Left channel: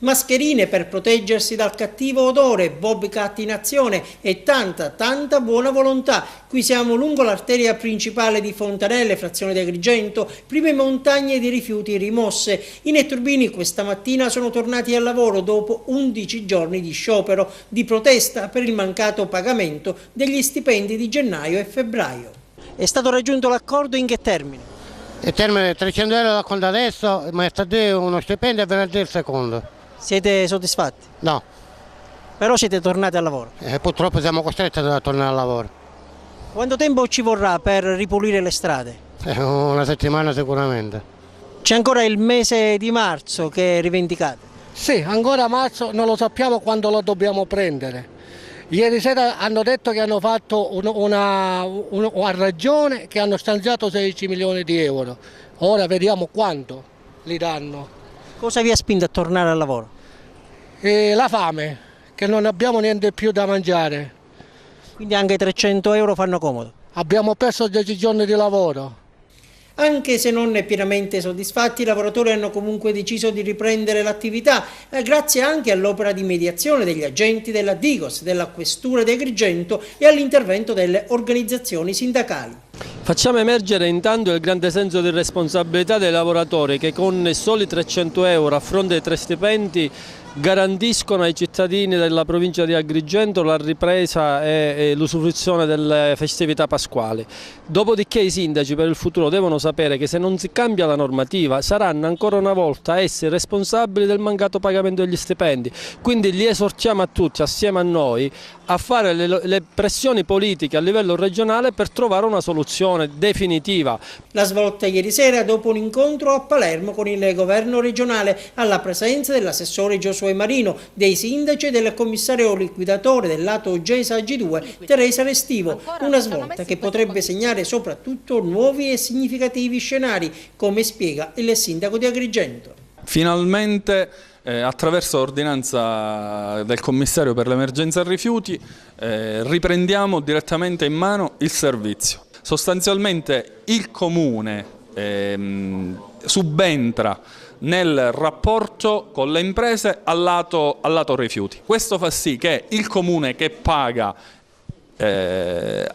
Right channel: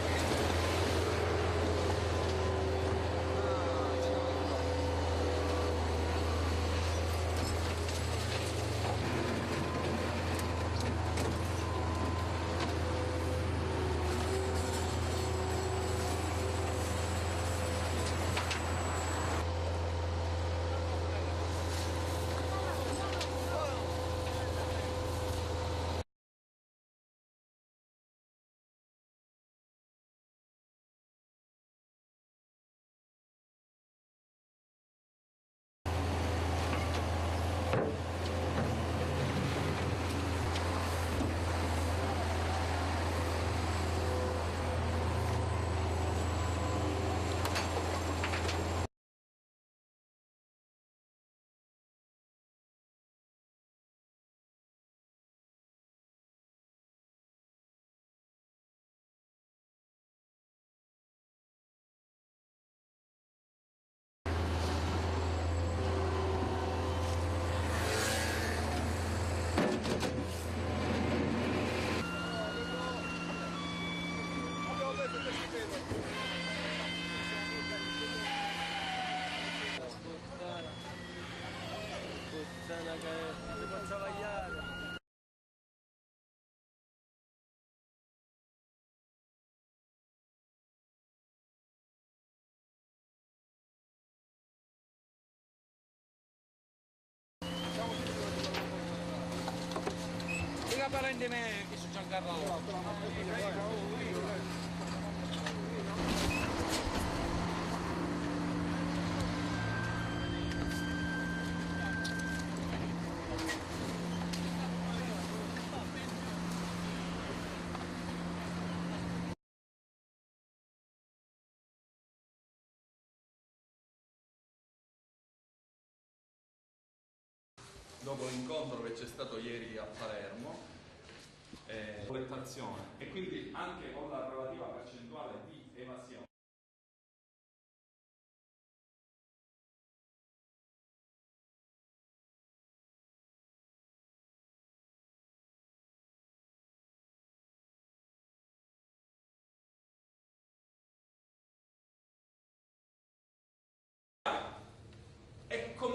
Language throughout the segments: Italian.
mascherine per proteggersi dal cattivo odore, Bobcat in azione e tanta buona volontà. Qui siamo lungo l'arteria principale di Fontanelle, frazione di Agrigento, prime montagne di rifiuti rimosse. I netturbini questa mattina sono tornati al lavoro dopo 11 giorni di sciopero, di protesta per il mancato pagamento degli stipendi di gennaio e febbraio. È stato raggiunto l'accordo in che termine? Il termine 300 euro da conto adesso, martedì uno stipendio e venerdì il secondo. Siete soddisfatti? No, Però siete tornati al lavoro. purtroppo siamo costretti a tornare al lavoro. Quanto tempo ci vorrà per ripulire le strade? Una settimana sicuramente. C'è ancora il mese di marzo che è rivendicato. Sì, ancora marzo non lo sappiamo quando lo dobbiamo prendere. Ieri sera hanno detto che hanno fatto una ragione che hanno stanziato 16 milioni di euro. Ora vediamo quanto li danno. Cosa vi ha spinto a tornare al lavoro? E la fame, che non abbiamo niente più da mangiare. Quindi anche 300 euro fanno comodo. Abbiamo perso 10 giorni di lavoro. Anche se non pienamente soddisfatti, i lavoratori hanno comunque deciso di riprendere l'attività, grazie anche all'opera di mediazione degli agenti della Digos, della Questura di Agrigento e all'intervento delle organizzazioni sindacali. Facciamo emergere intanto il grande senso di responsabilità dei lavoratori che con soli 300 euro a fronte dei 3 stipendi garantiscono ai cittadini della provincia di Agrigento la ripresa e l'usufruzione delle festività pasquali. Dopodiché i sindaci per il futuro devono sapere che se non si cambia la normativa saranno ancora una volta essi responsabili del mancato pagamento degli stipendi. Quindi li esortiamo a tutti, assieme a noi, a fare le pressioni politiche a livello regionale per trovare una soluzione definitiva. La svolta ieri sera dopo un incontro a Palermo con il governo regionale alla presenza dell'assessore Giosuè Marino, dei sindaci e del commissario liquidatore del lato Gesa G2 Teresa Restivo. Una svolta che potrebbe segnare soprattutto nuovi e significativi scenari, come spiega il sindaco di Agrigento. Finalmente attraverso l'ordinanza del commissario per l'emergenza rifiuti riprendiamo direttamente in mano il servizio. Sostanzialmente il Comune subentra nel rapporto con le imprese al lato rifiuti. Questo fa sì che il Comune che paga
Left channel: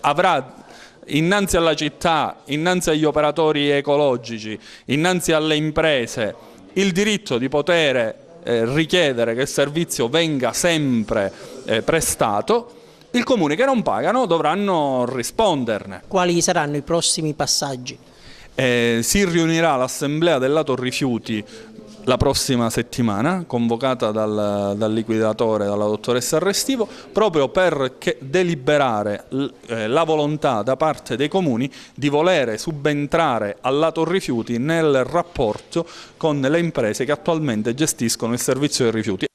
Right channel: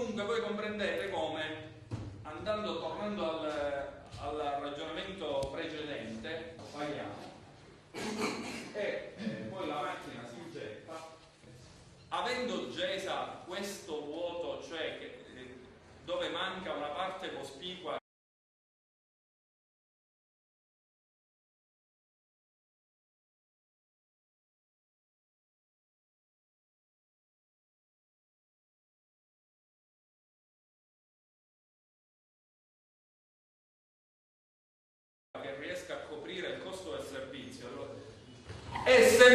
avrà innanzi alla città, innanzi agli operatori ecologici, innanzi alle imprese, il diritto di poter richiedere che il servizio venga sempre prestato. I comuni che non pagano dovranno risponderne. Quali saranno i prossimi passaggi? Si riunirà l'assemblea del lato rifiuti la prossima settimana, convocata dal liquidatore, dalla dottoressa Restivo, proprio per deliberare la volontà da parte dei comuni di volere subentrare al lato rifiuti nel rapporto con le imprese che attualmente gestiscono il servizio dei rifiuti.